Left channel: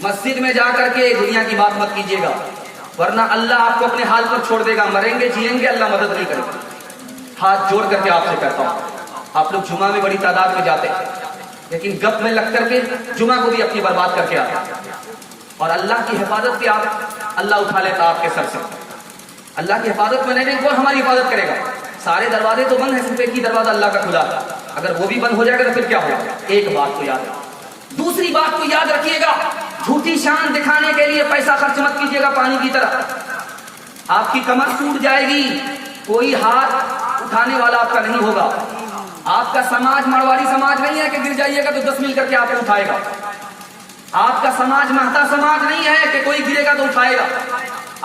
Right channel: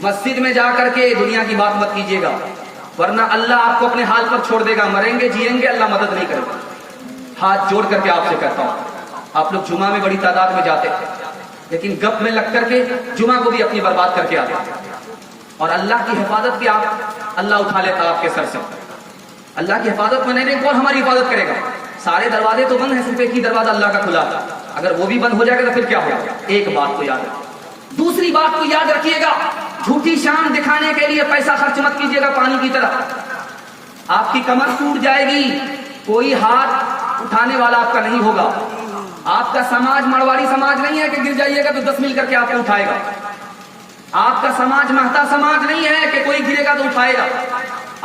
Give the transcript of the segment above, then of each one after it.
مسجد میں جا کر کے دنیا کی بات مت کیجیے گا، ورنہ اللہ آپ کو اپنے حال پر چھوڑ دے گا. مریں گے جیئیں گے اللہ مدد نہیں کرے گا. ہاتھ جوڑ کر کے آپ سے کہتا ہوں، آپ لوگ جمعہ میں بڑی تعداد میں جاتے ہیں، لیکن گپ میں لگ کر کے جمعہ کو بھی اپنی برباد کر کے آتے ہیں. اور اللہ کی حفاظت بھی اللہ اٹھا لیتا آپ کے سر سے. اللہ کی حفاظت میں نہیں، کون ہماری حفاظت کرے گا؟ سارے دروازے تو بند ہیں، صرف ایک ہی دروازہ اللہ کا کھلا ہے. اگر وہ بھی بند ہو جائے گا تو پھر کیا ہوگا؟ ایک بات کو یاد رکھیے. دوسری بات کو یاد رکھیے گا، جھوٹی شان دکھانے کے لیے پیسہ خرچ مت کیجیے گا پانی کی طرح. آپ کی کمر ٹوٹ جائے گی، کوئی ہاتھ اٹھانے والا آپ کا نہیں ہوگا. آپ کا سماج مڑواڑی سماج نہیں ہے کہ گر جائیے گا تو 10 مل کر کے آپ کو اٹھائے گا. آپ کا سماج مہتا سماج نہیں ہے کہ کوئی گرے گا تو اٹھائے گا.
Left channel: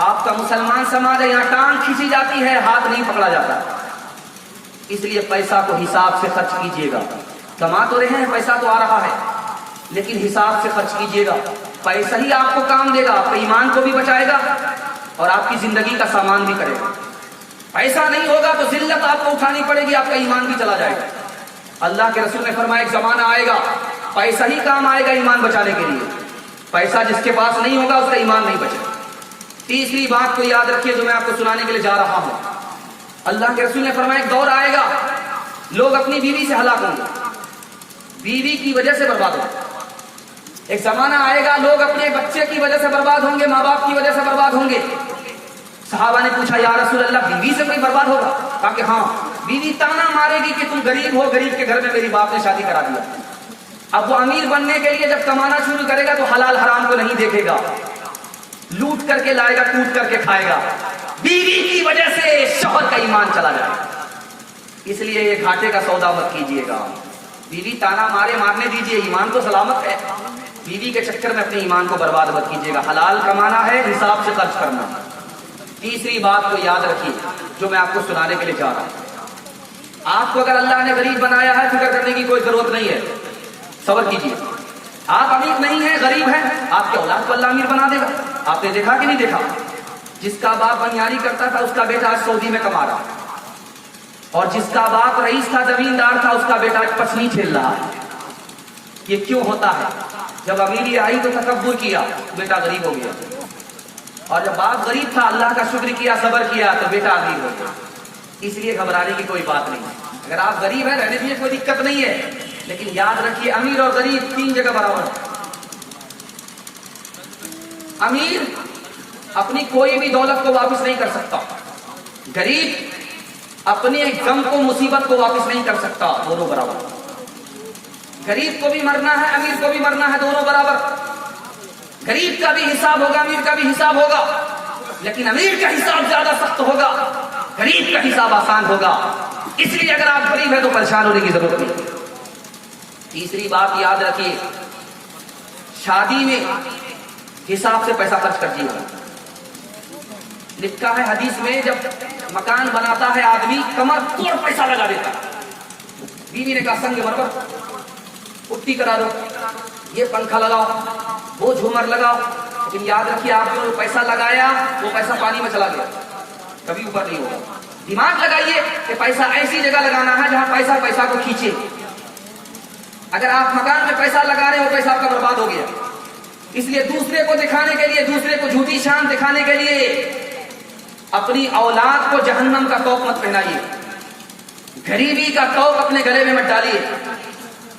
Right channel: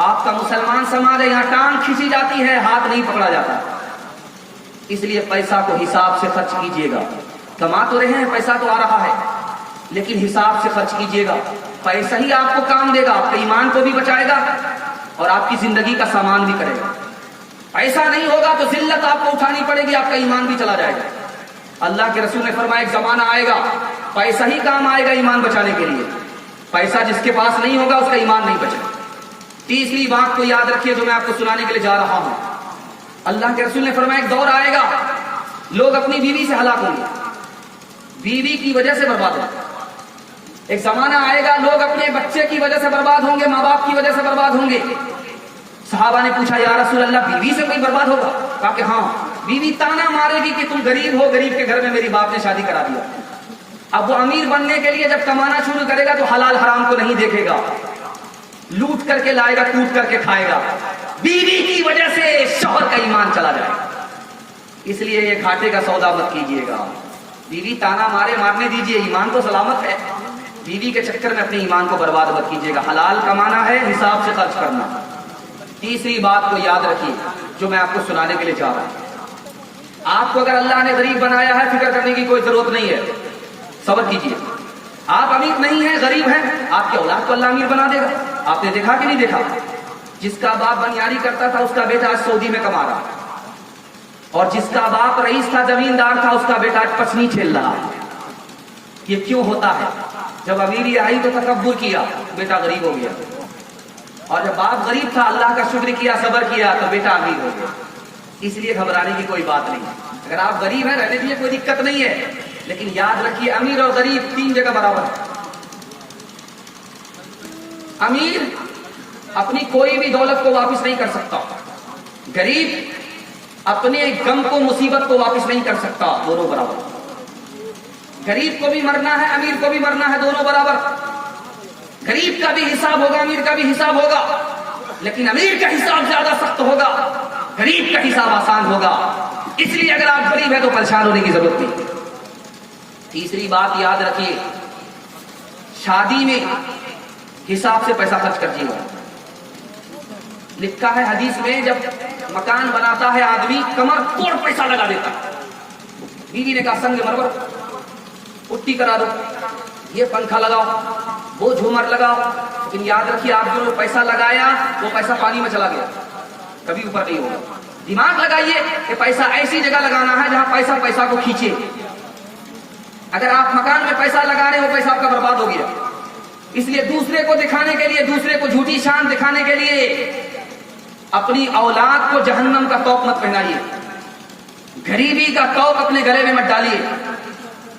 آپ کا مسلمان سماج ہے، یہاں ٹانگ کھینچی جاتی ہے، ہاتھ نہیں پکڑا جاتا. اس لیے پیسہ کو حساب سے خرچ کیجیے گا. کما تو رہے ہیں، پیسہ تو آ رہا ہے، لیکن حساب سے خرچ کیجیے گا. پیسہ ہی آپ کو کام دے گا، آپ کے ایمان کو بھی بچائے گا اور آپ کی زندگی کا سامان بھی کرے گا. ایسا نہیں ہوگا تو ذلت آپ کو اٹھانی پڑے گی، آپ کا ایمان بھی چلا جائے گا. اللہ کے رسول نے فرمایا ایک زمانہ آئے گا پیسہ ہی کام آئے گا ایمان بچانے کے لیے. پیسہ جس کے پاس نہیں ہوگا اس کا ایمان نہیں بچے. تیسری بات کو یاد رکھیے جو میں آپ کو سنانے کے لیے جا رہا ہوں. اللہ کے رسول نے فرمایا ایک دور آئے گا لوگ اپنی بیوی سے ہلاک ہوں گے، بیوی کی وجہ سے برباد ہوں گے. ایک زمانہ آئے گا لوگ اپنے بچے کی وجہ سے برباد ہوں گے، ماں باپ کی وجہ سے برباد ہوں گے. صحابہ نے پوچھا یا رسول اللہ بیوی سے کوئی برباد ہوگا؟ کہا کہ ہاں، بیوی تانا مارے گی کہ تم غریب ہو، غریب کے گھر میں میری باپ نے شادی کرا دیا. اب وہ امیر بننے کے لیے جب کمانا شروع کرے گا تو حلال حرام کو نہیں دیکھے گا، لوٹ کر کے لائے گا، کوٹ کر کے کھائے گا. بیوی کی وجہ سے شوہر کا ایمان چلا جائے گا. اس لیے یہ گھاٹے کا سودا مت کیجیے گا. بیوی تانا مارنے دیجیے، ایمان تو سلامت ہے. بیوی کے چکر میں اپنے ایمان کو برباد مت کیجیے گا. حلال کمانا ہے، حساب سے خرچ کرنا. تیسری بات کو یاد رکھیے جو میں آپ کو سنانے کے لیے چاہ رہا ہوں. آپ کو اگر اللہ نے غریب بنایا ہے فکر کرنے کی کوئی ضرورت نہیں ہے، صبر کیجیے. آپ امیر نہیں ہیں، غریب ہیں، آپ کی اولاد کو اللہ امیر بنا دے گا. آپ نے دیکھا کہ نہیں دیکھا؟ جس کا باپ بنیاری کرتا تھا اس کا بیٹا آج سعودی میں کما رہا، اور جس کا باپ رئیس تھا، زمیندار تھا، اس کا بیٹا آج پسنی کھیل رہا ہے. یہ کیوں ہوتا ہے؟ جب امیری آئی تو تکبر کیا، بیٹا غریب ہو گیا. اور جب باپ غریب تھا اللہ کا شکر کیا، صبر کیا تو بیٹا امیر ہو گیا. اس لیے گھبرانے کی کوئی بات نہیں. اگر آپ غریب ہیں رہنے دیجیے، کوئی دقت نہیں ہے، لیکن یاد رکھیے امیر اور غریب 3 جگہ برابر ہے. امیر اپنی کوئی بھی دولت کو واپس نہیں کر سکتا، غریب اپنے غم کو، مصیبت کو واپس نہیں کر سکتا. دونوں برابر. غریب کو بھی مرنا ہے، امیر کو بھی مرنا ہے، دونوں برابر. غریب کا بھی حساب ہوگا، امیر کا بھی حساب ہوگا، لیکن امیر کا حساب زیادہ سخت ہوگا، غریب کا حساب آسان ہوگا. اس لیے اگر آپ غریب ہیں تو پریشان ہونے کی ضرورت نہیں. تیسری بات یاد رکھیے، شادی میں حساب سے پیسہ خرچ کیجیے گا. لکھا ہے حدیث میں جب مکان بناتا ہے آدمی کمر توڑ پیسہ لگا دیتا. بیوی نے کہا سنگ مرمر پٹی کرا دو، یہ پنکھا لگاؤ، وہ جھومر لگاؤ، لیکن یاد رکھیے آپ جو پیسہ لگایا وہ پیسہ پانی میں چلا گیا، کبھی اوپر نہیں ہوگا. دماغ لگائیے کہ پیسہ ایسی جگہ لگانا ہے جہاں پیسہ کو کھینچے. اگر آپ مکان میں پیسہ لگا رہے ہو پیسہ آپ کا برباد ہو گیا. اس لیے دوسرے کو دکھانے کے لیے، دوسرے کو جھوٹی شان دکھانے کے لیے اپنی اولاد کو جہنم کا توپ مت پہنائیے، غریبی کا توپ اپنے گلے میں مت ڈالیے.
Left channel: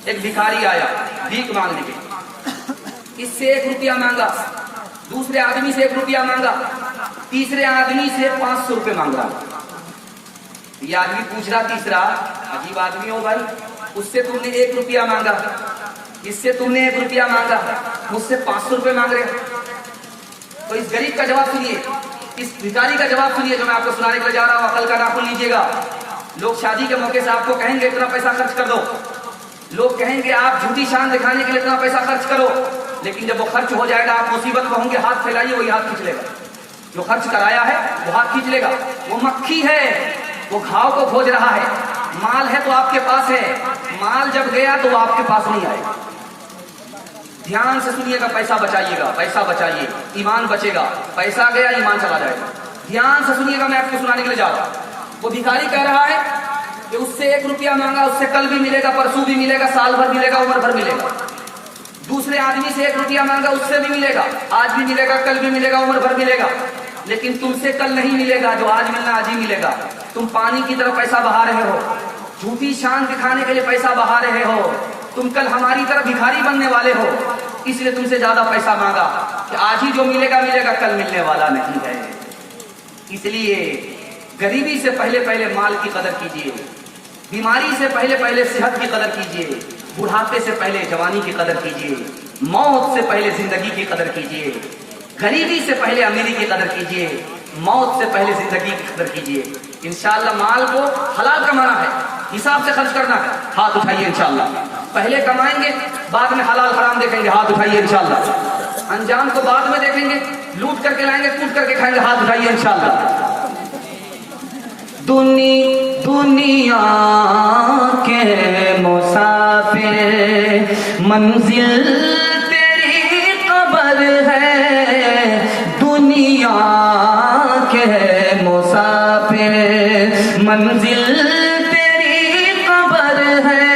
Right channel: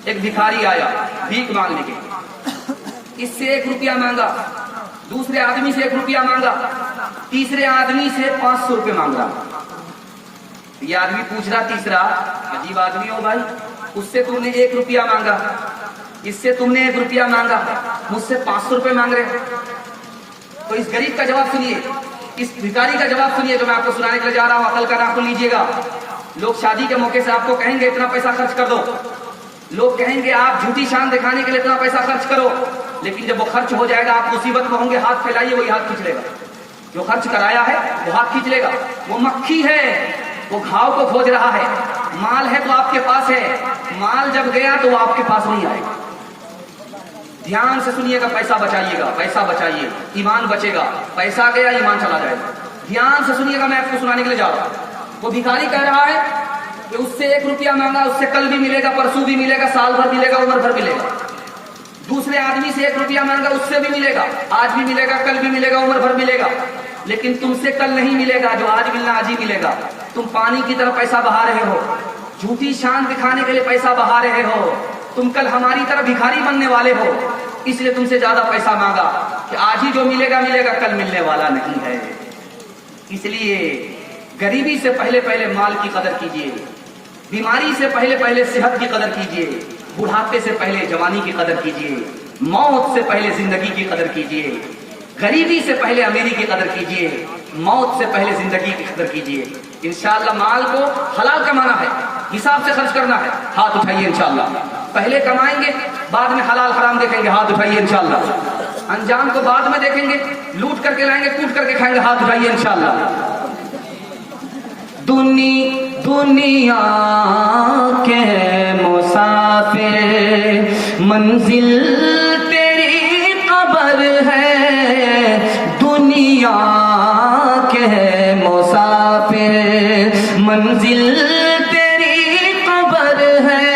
ایک بھکاری آیا بھیک مانگنے کے، اس سے 1 روپیہ مانگا، دوسرے آدمی سے 1 روپیہ مانگا، تیسرے آدمی سے 500 روپے مانگ رہا. یہ آدمی پوچھ رہا تیسرا، عجیب آدمی ہو بھائی، اس سے تم نے 1 روپیہ مانگا، اس سے تم نے 1 روپیہ مانگا، مجھ سے 500 روپے مانگ رہے. تو اس غریب کا جواب سنیے، اس بھکاری کا جواب سنیے جو میں آپ کو سنانے کے لیے جا رہا ہوں. عقل کا ناخن لیجیے گا. لوگ شادی کے موقع سے آپ کو کہیں گے اتنا پیسہ خرچ کر دو، لوگ کہیں گے آپ جھوٹی شان دکھانے کے لیے اتنا پیسہ خرچ کرو، لیکن جب وہ خرچ ہو جائے گا آپ مصیبت کو ہوں گے ہاتھ پھیلائیے، وہی ہاتھ کھینچ لے گا. جو خرچ کرایا ہے وہ ہاتھ کھینچ لے گا. وہ مکھی ہے، وہ گھاؤ کو کھوج رہا ہے. مال ہے تو آپ کے پاس ہے، مال جب گیا تو وہ آپ کے پاس نہیں آئے گا. دھیان سے سنیے گا، پیسہ بچائیے گا، پیسہ بچائیے، ایمان بچے گا. پیسہ گیا ایمان چلا جائے گا. دھیان سے سنیے گا، میں آپ کو سنانے کے لیے جا رہا ہوں. وہ بھکاری کہہ رہا ہے کہ اس سے 1 روپیہ مانگا، اس سے کل بھی ملے گا، پرسوں بھی ملے گا، سال بھر ملے گا، عمر بھر ملے گا. दूसरे आदमी से 1 रुपया मांगा, उससे भी मिलेगा, आज भी मिलेगा, कल भी मिलेगा, उम्र भर मिलेगा, लेकिन तुमसे कल नहीं मिलेगा, जो आज मिलना आज ही मिलेगा। तुम पानी की तरफ पैसा बहा रहे हो, झूठी शान दिखाने के लिए पैसा बहा रहे हो, तुम कल हमारी तरह भिखारी बनने वाले हो, इसलिए तुमसे ज्यादा पैसा मांगा कि आज ही जो मिलेगा मिलेगा, कल मिलने वाला नहीं है। इसलिए गरीबी से पहले पहले माल की कदर कीजिए, बीमारी से पहले पहले सेहत की कदर कीजिए, बुढ़ापे से पहले जवानी की कदर कीजिए, मौत से पहले जिंदगी की कदर कीजिए, गरीबी से पहले अमीरी की कदर कीजिए, मौत से पहले जिंदगी की कदर कीजिए। इंशाअल्लाह माल को हलाल कमाना है, हिसाब से खर्च करना है, हाथ उठाइए इंशाअल्लाह। पहले कमाएंगे, बाद में हलाल हराम देखेंगे, हाथ उठाइए इंशाअल्लाह। अंजाम को बाद में देखेंगे, लूट करके लाएंगे, कूट करके खाएंगे, हाथ उठाइए इंशाअल्लाह। दुनिया के मुसाफिर मंजिल तेरी कब्र है, दुनिया के मुसाफिर मंजिल तेरी कब्र है,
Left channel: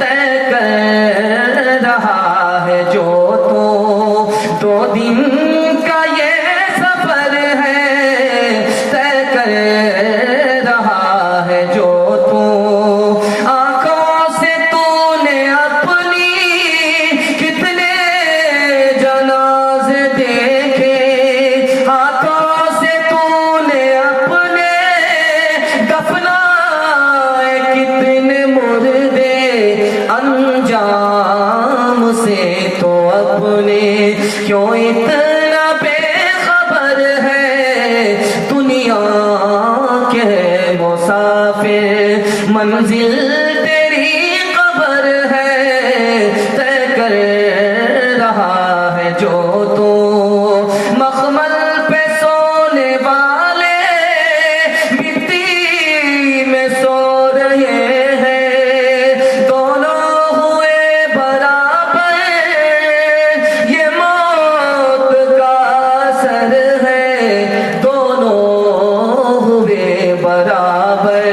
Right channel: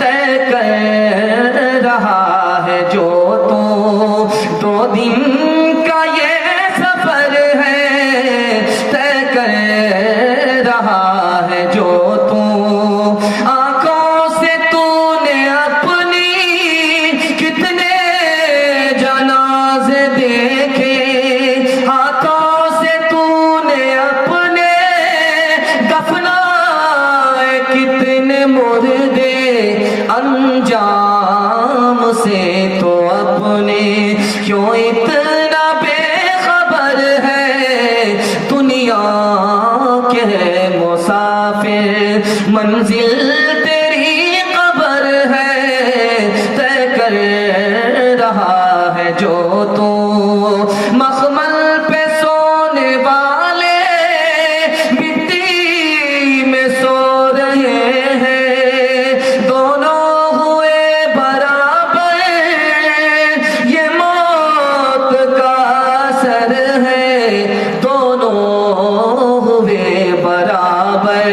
तय कर रहा है जो तू 2 दिन का ये सफर है, तय कर जो तू आंखों से तूने अपनी कितने जनाजे देखे, हाथों से तूने अपने दफनाए कितने मुर्दे, अंजाम से तो अपने क्यों इतना बेखबर है, दुनिया के मुसाफिर मंजिल तेरी कब्र है, तय कर रहा है जो तू मखमल पे सोने वाले मिट्टी में सो रहे हैं, दोनों हुए बराबर, ये मौत का असर है, दोनों हुए बराबर,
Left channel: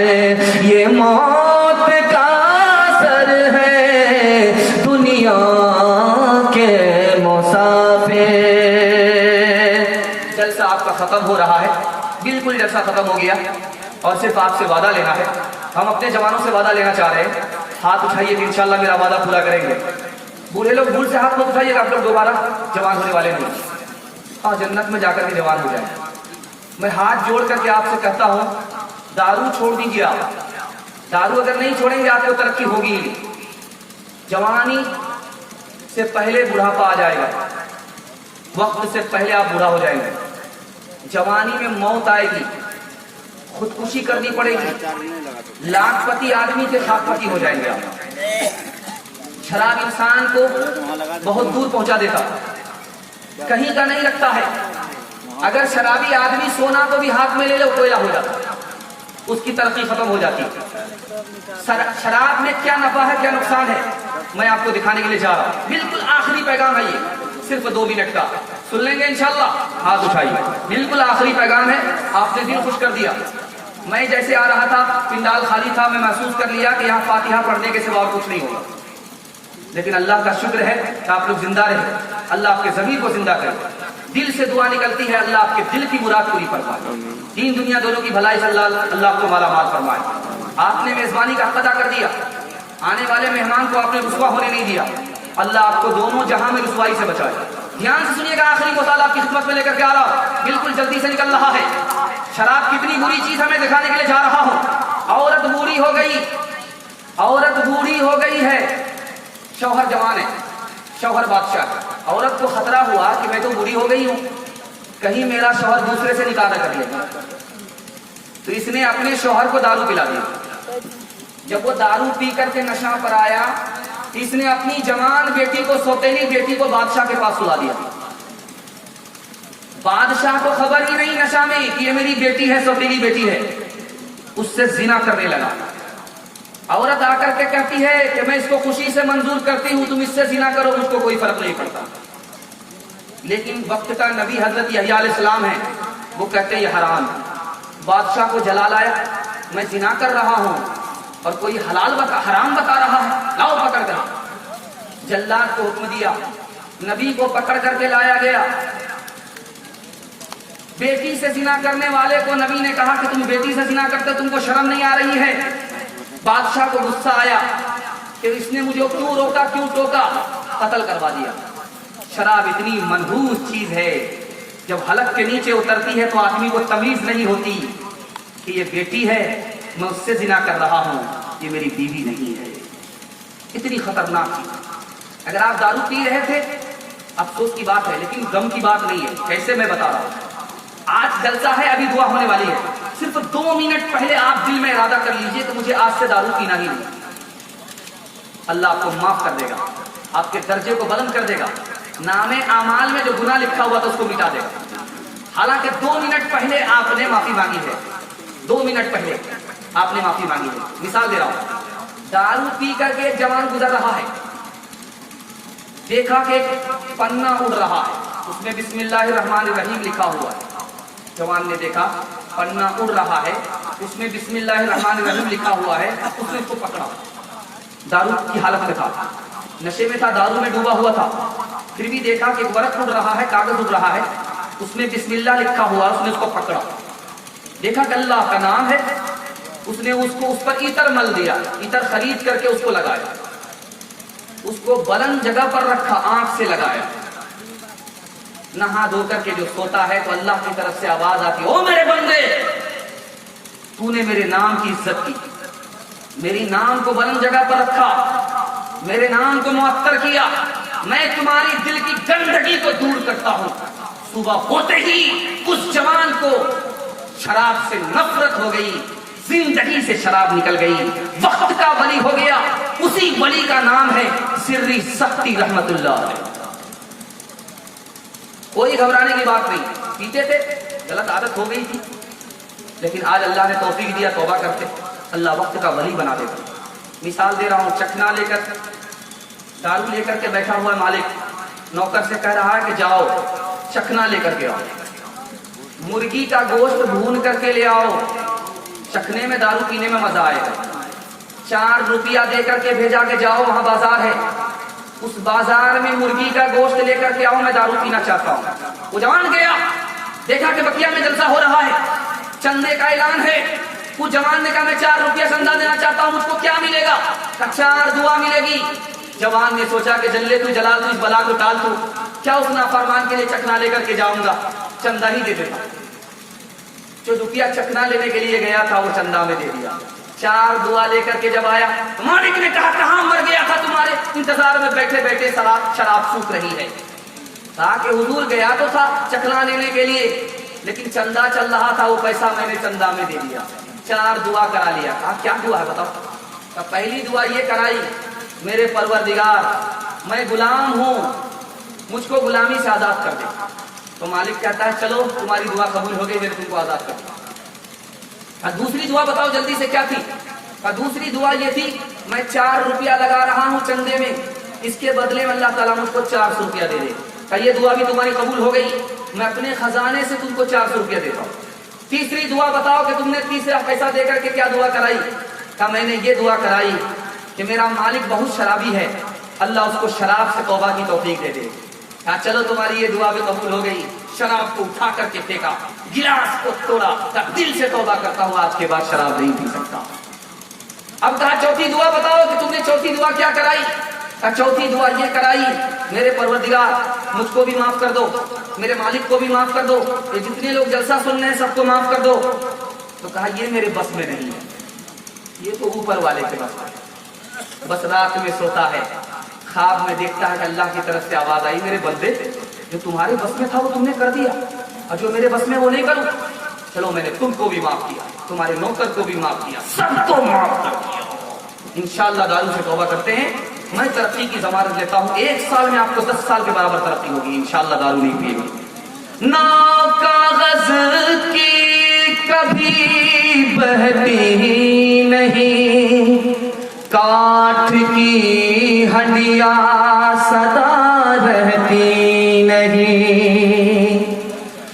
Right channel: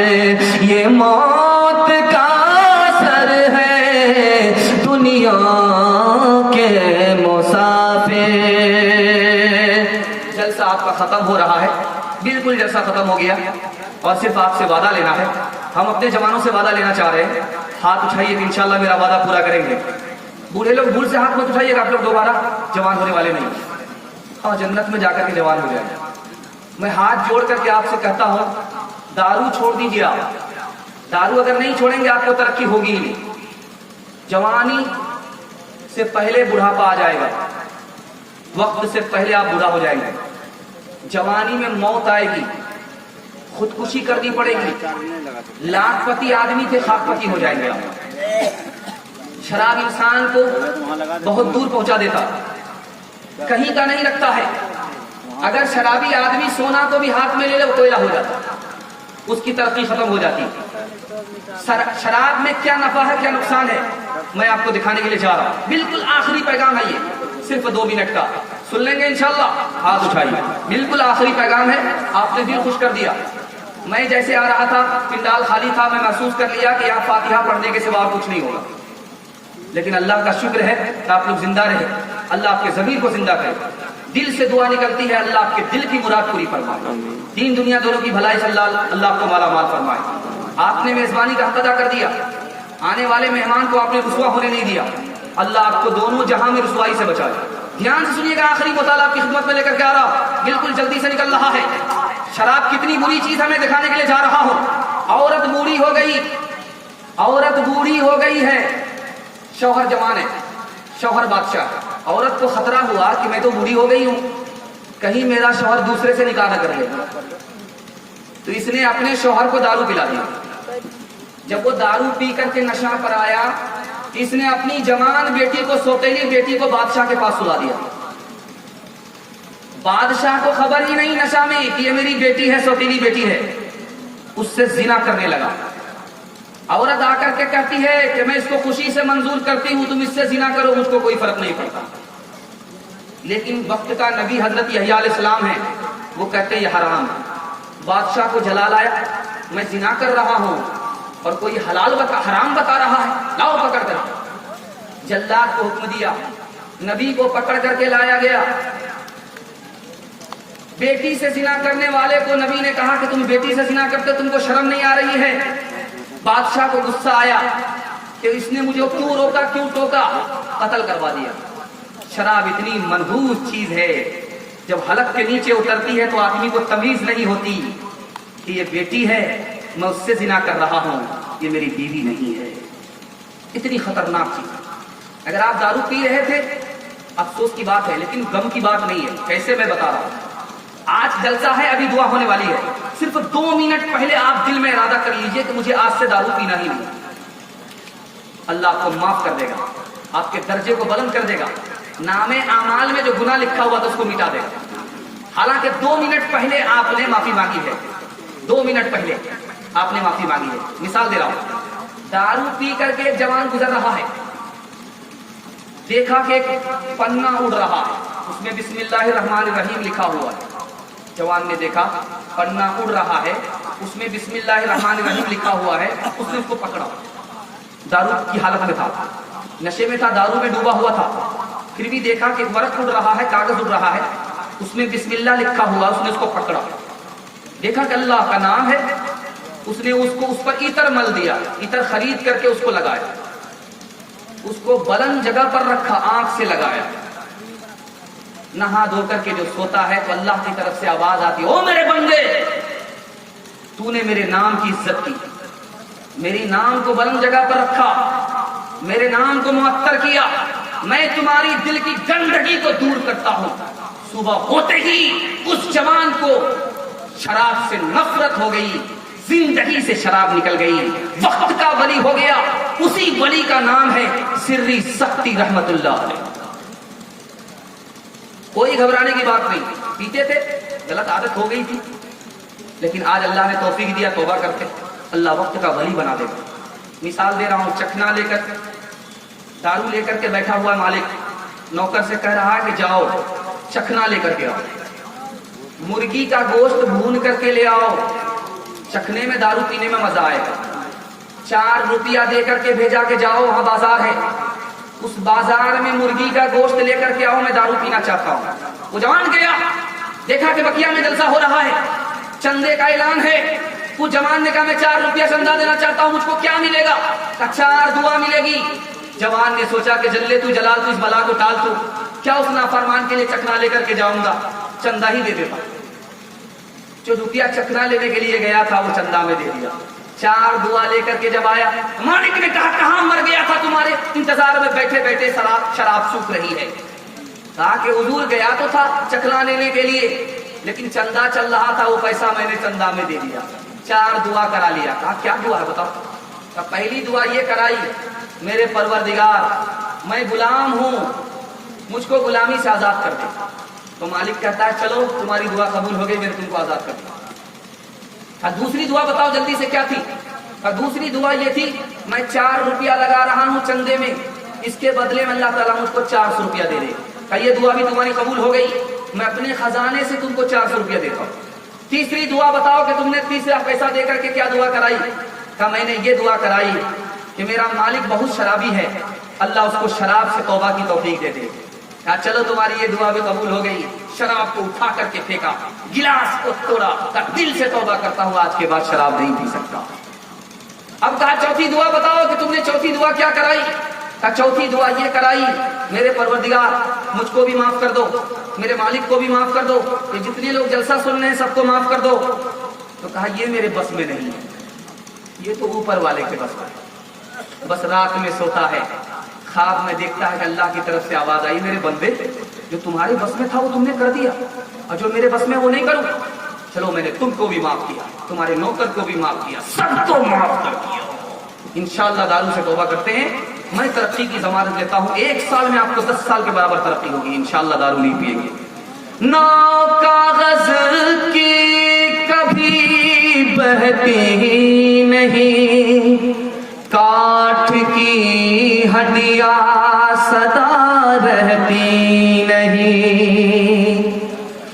ये मौत का असर है, दुनिया के मुसाफिर। जलसा आपका खत्म हो रहा है, बिल्कुल जलसा खत्म हो गया और सिर्फ आपसे वादा लेना है। हम अपने जवानों से वादा लेना चाह रहे हैं, हाथ उठाइए कि इंशाल्लाह मेरा वादा पूरा करेंगे। बूढ़े लोग भूल से हाथ मत उठाइएगा, आप लोग दोबारा जवान होने वाले नहीं, और जन्नत में जाकर के जवान हो जाए। मैं हाथ जोड़ करके आपसे कहता हूं, दारू छोड़ दीजिए आप, दारू अगर नहीं छोड़ेंगे आपको तरक्की होगी नहीं। जवानी से पहले बुढ़ापा आ जाएगा, वक्त से पहले आप बूढ़ा हो जाएंगे, जवानी में मौत आएगी, खुदकुशी करनी पड़ेगी, लाखपति आदमी के खाकपति हो जाएंगे। शराब इंसान को बहुत दूर पहुंचा देता, कहीं का नहीं रखता है। अगर शराबी आदमी सोना को भी हाथ में ले ले कोयला हो जाता, उसकी तरक्की खत्म हो जाती। शराब में क्या नफा है क्या नुकसान है, मैं आपको दिखाने के लिए जा रहा हूं। बिल्कुल आखिरी पैगाम है ये, सिर्फ 2 मिनट का, सुन लेंगे इंशाल्लाह, हाथ उठाइए। बिल्कुल आखिरी पैगाम है, आपने दिल खुश कर दिया। मैं जैसे आ रहा था, पिंडाल खाली था, मैं महसूस कर लिया कि यहाँ फातिहा पढ़ने के सिवा कुछ नहीं होगा, लेकिन अल्लाह का शुक्र है कि आप लोग जिंदा रहे। अल्लाह आपके ज़मीर को जिंदा करे। दिल से दुआ निकलती है, अल्लाह आपके दिल की मुराद पूरी फरमाए, दीन दुनिया दोनों की भलाई से अल्लाह आपको माला माल फरमाए। आपने मेजबानी का हक अदा कर दिया, आने वाले मेहमान को आपने रुसवा होने नहीं दिया। अल्लाह आपको दोनों जहां में रुसवाई से बचाए। ध्यान से सुनिएगा, आखिरी मसाला आपकी खिदमत में लेकर के आ रहा हूं, बिल्कुल जल्दी से निकल रहा है। शराब कितनी बुरी चीज है मैं दिखाने के लिए जा रहा हूं। औरत बूढ़ी हो गई, औरत बूढ़ी हो गई है, शौहर जवान है, शौहर बादशाह। औरत को खतरा हुआ कि मैं तो बूढ़ी हो गई हूं, कहीं मेरा शौहर दूसरे से निकाह न कर ले, तो इसने अपने शौहर को दारू पिला दिया। जब वो दारू पी करके नशा पर आया, इसने अपनी जवान बेटी को, सौतेली बेटी को बादशाह के पास सुला दिया। बादशाह को खबर ही नहीं नशा में कि ये मेरी बेटी है, सौतेली बेटी है, उससे जिना करने लगा। औरत आकर के कहती है कि मैं इसको खुशी से मंजूर करती हूं, तुम इससे जिना करो, मुझको कोई फर्क नहीं पड़ता। लेकिन वक्त का नबी हजरत यहया अलैहिस्सलाम है, वो कहते ये हराम है। बादशाह को जलाल आया, मैं जिना कर रहा हूं और कोई हलाल हराम बता रहा है, लाओ पकड़ कर। जल्लाद को हुक्म दिया, नबी को पकड़ करके लाया गया। बेटी से जिना करने वाले को नबी ने कहा कि तुम बेटी से जिना करते, तुमको शर्म नहीं आ रही है? बादशाह को गुस्सा आया कि इसने मुझे क्यों रोका, क्यों टोका, कत्ल करवा दिया। शराब इतनी मनहूस चीज है, जब हलक के नीचे उतरती है तो आदमी को तमीज नहीं होती कि ये बेटी है, मैं उससे जिना कर रहा हूं, ये मेरी बीवी नहीं है। इतनी खतरनाक चीज। अगर आप दारू पी रहे थे, अफसोस की बात है, लेकिन गम की बात नहीं है। कैसे मैं बता रहा हूं, आज जलसा है, अभी दुआ होने वाली है, सिर्फ 2 मिनट पहले आप दिल में इरादा कर लीजिए कि मुझे आज से दारू पीना ही नहीं। अल्लाह आपको माफ कर देगा, आपके दर्जे को बुलंद कर देगा, नामे आमाल में जो गुनाह लिखा हुआ था उसको मिटा देगा। हालांकि 2 मिनट पहले आपने माफी मांगी है, 2 मिनट पहले आपने माफी मांगी है। मिसाल दे रहा हूं, दारू पी करके एक जवान गुजर रहा है, देखा कि एक पन्ना उड़ रहा है, उसमें बिस्मिल्लाहिर्रहमानिर्रहीम लिखा हुआ है। जवान ने देखा पन्ना उड़ रहा है, उसमें बिस्मिल्लाहिर्रहमानिर्रहीम लिखा हुआ है, उसने उसको पकड़ा। दारू की हालत में था, नशे में था, दारू में डूबा हुआ था, फिर भी देखा कि वर्क उड़ रहा है, कागज उड़ रहा है, उसमें बिस्मिल्लाह लिखा हुआ, उसने उसको पकड़ा। देखा कि अल्लाह का नाम है, उसने उसको उस पर इतर मल दिया, इतर खरीद करके उसको लगाया, उसको बुलंद जगह पर रखा, आंख से लगाया। नहा धो करके जो सोता है तो अल्लाह की तरफ से आवाज आती, ओ मेरे बंदे, तूने मेरे नाम की इज्जत की, मेरी नाम को बुलंद जगह पर रखा, मेरे नाम को मुअत्तर किया, मैं तुम्हारी दिल की गंदगी को दूर करता हूं। सुबह होते ही उस जवान को शराब से नफरत हो गई, जिंदगी से शराब निकल गई, वक्त का वली हो गया। उसी वली का नाम है सिर्री सख्ती रहमतुल्लाह अलैह। कोई घबराने की बात नहीं, पीते थे, गलत आदत हो गई थी, लेकिन आज अल्लाह ने तौफीक दिया, तौबा करते, अल्लाह वक्त का वली बना देगा। मिसाल दे रहा हूं, चखना लेकर, दारू लेकर के बैठा हुआ मालिक नौकर से कह रहा है कि जाओ चखना लेकर के आओ, मुर्गी का गोश्त भून करके ले आओ, चखने में दारू पीने में मजा आएगा। 4 रुपया दे करके भेजा के जाओ, वहां बाजार है, उस बाजार में मुर्गी का गोश्त लेकर के आओ, मैं दारू पीना चाहता हूं। वो जवान गया, देखा कि बकिया में जलसा हो रहा है, चंदे का ऐलान है। उस जवान ने कहा मैं 4 रुपया चंदा देना चाहता हूं, मुझको क्या मिलेगा? 4 दुआ मिलेगी। जवान ने सोचा कि जल्ले तू जलाल तू, इस बला को टाल तू, क्या उस नाफरमान के लिए चखना लेकर के जाऊंगा, चंदा ही दे देता। जो रुपया चखना लेने के लिए गया था वो चंदा में दे दिया। 4 दुआ लेकर के जब आया, मालिक ने कहा कहां मर गया था, तुम्हारे इंतजार में बैठे बैठे शराब सूख रही है। कहा कि हुजूर गया तो था चखना लेने के लिए, लेकिन चंदा चल रहा था, वो पैसा मैंने चंदा में दे दिया। 4 दुआ करा लिया। कहा क्या दुआ है बताओ? तो पहली दुआ ये कराई, मेरे परवरदिगार मैं गुलाम हूं, मुझको गुलामी से आजाद कर दे। तो मालिक कहता है चलो तुम्हारी दुआ कबूल हो गई, मैंने तुमको आजाद कर दिया। दूसरी दुआ बताओ जल्दी से क्या थी? दूसरी दुआ ये थी, मैं 4 रुपया लगा रहा हूं चंदे में, इसके बदले में अल्लाह ताला मुझको 400 रुपया दे दे। ये दुआ भी तुम्हारी कबूल हो गई, मैं अपने खजाने से तुमको 400 रुपया देता हूं। तीसरी दुआ बताओ कि तुमने तीसरा पैसा देकर के क्या दुआ कराई? कहा मैंने ये दुआ कराई कि मेरा मालिक बहुत शराबी है, अल्लाह उसको शराब से तौबा की तौफीक दे दे। कहा चलो तुम्हारी ये दुआ भी कबूल हो गई। शराब को उठा करके फेंका, गिलास को तोड़ा, दिल से तौबा करता हूं आज के बाद शराब नहीं पी सकता। अब कहा चौथी दुआ बताओ कि तुमने चौथी दुआ क्या कराई? कहा चौथी दुआ ये कराई, मेरे परवरदिगार मुझको भी माफ कर दो, मेरे मालिक को भी माफ कर दो, ये जितने लोग जलसा सुन रहे हैं सबको माफ कर दो। तो कहा ये मेरे बस में नहीं है, ये तो ऊपर वाले के बस में। बस रात में सोता है, ख्वाब में देखता है कि अल्लाह की तरफ से आवाज आई, मेरे बंदे जो तुम्हारे बस में था वो तुमने कर दिया, और जो मेरे बस में वो नहीं करूं। चलो मैंने तुमको भी माफ किया, तुम्हारे नौकर को भी माफ किया, सबको माफ कर दिया। इंशाअल्लाह दारू से तौबा करते हैं, मैं तरक्की की जमानत देता हूं, 1 साल में आपको 10 साल के बराबर तरक्की होगी इंशाअल्लाह। दारू नहीं पिएंगे। नाव कागज की कभी बहती नहीं, काठ की हड्डियां सदा रहती नहीं,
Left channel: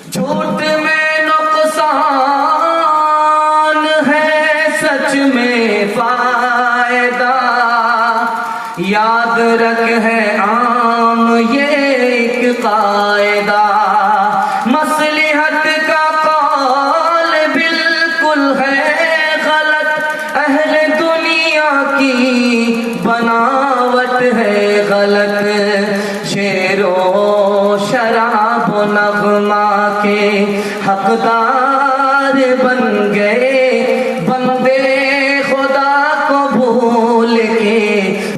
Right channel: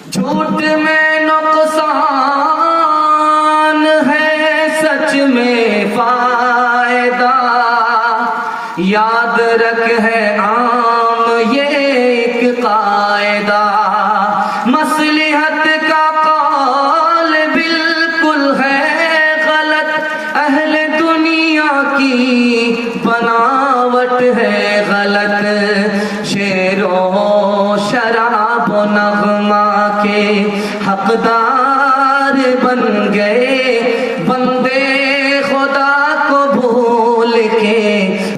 झूठ में नुकसान है सच में फायदा, یاد رکھ ہے عام یہ ایک قاعدہ، مصلحت کا قول بالکل ہے غلط، اہل دنیا کی بناوٹ ہے غلط، شعر و شراب و نغمہ کے حقدار بن گئے بندے خدا کو بھول کے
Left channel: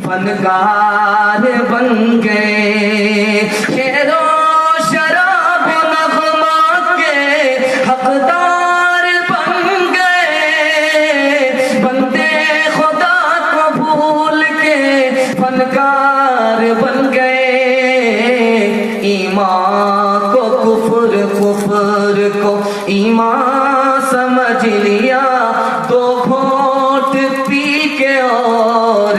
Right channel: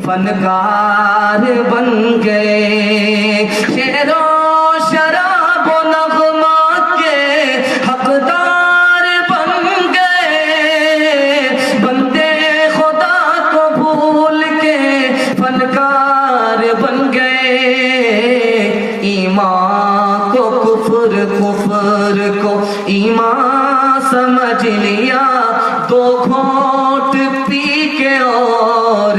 فنکار بن گئے، شعر و شراب و نغمہ کے حقدار بن گئے بندے خدا کو بھول کے فنکار بن گئے، ایمان کو کفر، کفر کو ایمان سمجھ لیا، دو گھونٹ پی کے اور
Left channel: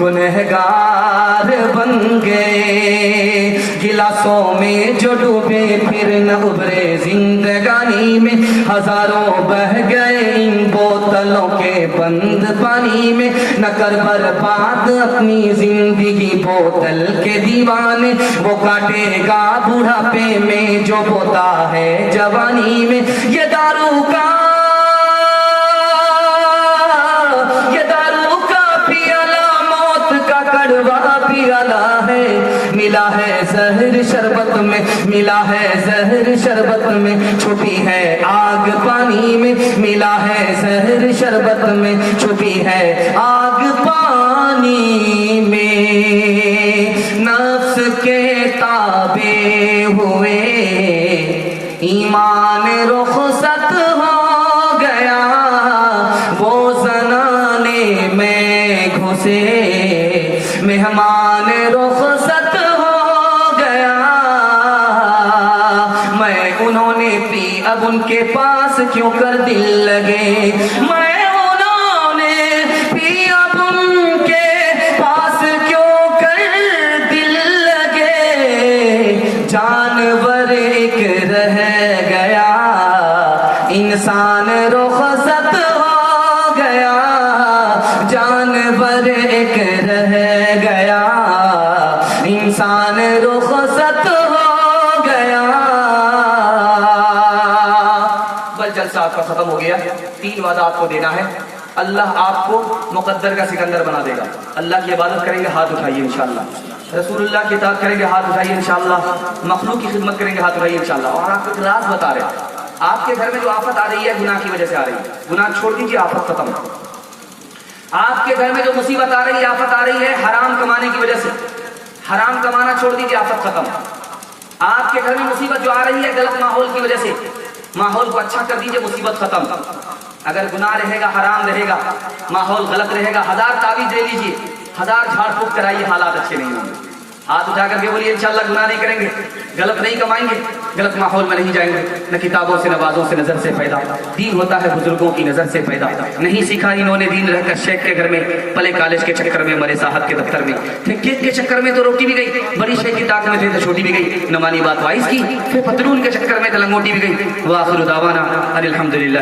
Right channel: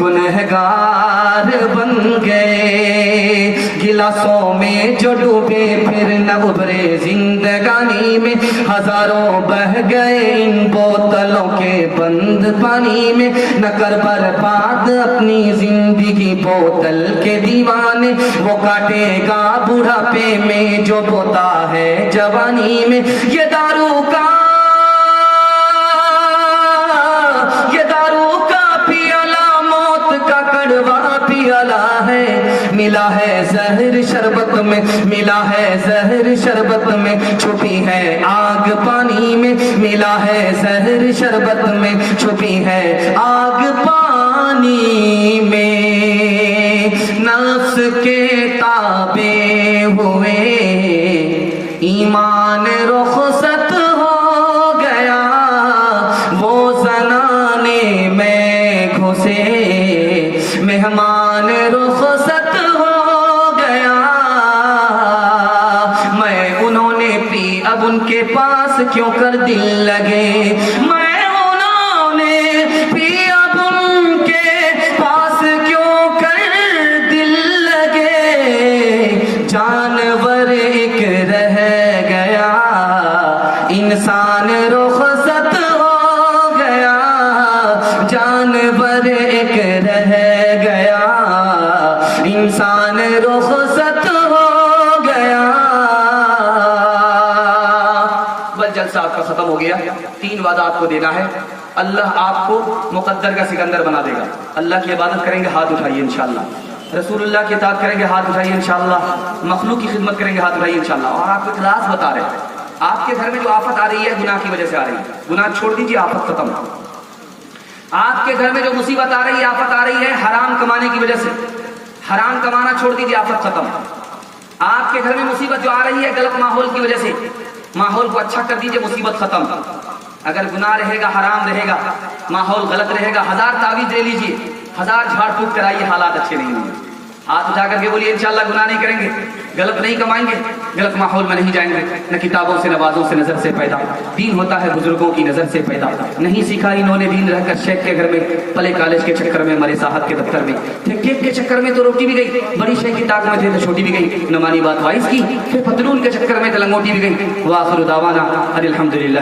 گنہگار بن گئے، گلاسوں میں جو ڈوبے پھر نہ ابھرے زندگانی میں، ہزاروں بہ گئے ان بوتلوں کے بند پانی میں، نہ کر برباد اپنی زندگی بوتل کے دیوانے، وہ کاٹے گا بڑھاپے میں جو بوتا ہے جوانی میں، یہ دارو کا پیالہ موت کا کڑوا پیالہ ہے، ملا ہے زہر شربت میں، ملا ہے زہر شربت میں، چھپی ہے آگ پانی میں، ملا ہے زہر شربت میں، چھپی ہے آگ پانی میں، نفس کے تابع ہوئے ایمان رخصت ہو گیا، وہ زنانے میں گھسے مہمان رخصت ہو گیا، میں انہوں نے پی اب ان کے پاس کیوں کر دل لگے، میں انہوں نے پی اب ان کے پاس کیوں کر دل لگے، جانور ایک رہ گیا انسان رخصت ہو گیا، جانور ایک رہ گیا انسان رخصت ہو گیا۔ بس جلسہ آپ کا ختم ہو گیا، 3 وعدہ آپ کو دینا ہے، اللہ آپ کو مقدر کا سکندر بنا دے گا، اللہ کی عبادت کریں گے ہاتھ اٹھائیے انشاءاللہ، رسول اللہ کی اطاعت کریں گے ہاتھ اٹھائیے انشاءاللہ، مخلوق کی خدمت کریں گے ہاتھ اٹھائیے انشاءاللہ، اور آپ کو ایک راز بتا رہے ہیں، آپ کے گھر میں جو آفت آ رہی ہے گناہ کی وجہ سے آ رہی ہے، گناہ چھوڑ دیجیے آفت ختم۔ آپ کے گھر میں جو مصیبت آ رہی ہے، آفت آ رہی ہے حرام کمانے کی وجہ سے، حرام کمانا چھوڑ دیجیے آفت ختم۔ آپ کے گھر میں مصیبت جو آ رہی ہے غلط ماحول کی وجہ سے، ماحول کو اچھا کر دیجیے مصیبت ختم۔ اگر گناہ رہے گا، حرام رہے گا، ماحول غلط رہے گا، 1000 تعویذ لے لیجیے، 1000 جھاڑ پھونک کرائیے، حالات اچھے نہیں ہوں گے۔ ہاتھ اٹھا کر کے بولیے انشاءاللہ گناہ نہیں کریں گے، غلط نہیں کمائیں گے، غلط ماحول میں نہیں جائیں گے، نہ کتابوں سے نوازوں سے نظر سے پیدا، دین ہوتا ہے بزرگوں کی نظر سے پیدا، نہیں سیکھا انہوں نے دین رہ کر شیخ کے گھر میں، پلے کالج کے چکر میں، مرے صاحب کے دفتر میں، کیک کے چکر میں تو روٹی بھی گئی، بڑی شیخ کی طاقت میں تھے تو چھوٹی بھی گئی، نہ مانی بات وائز کی، پھر پتلون کے چکر میں تو لنگوٹی بھی گئی۔ وآخر دعوانا ان الحمدللہ۔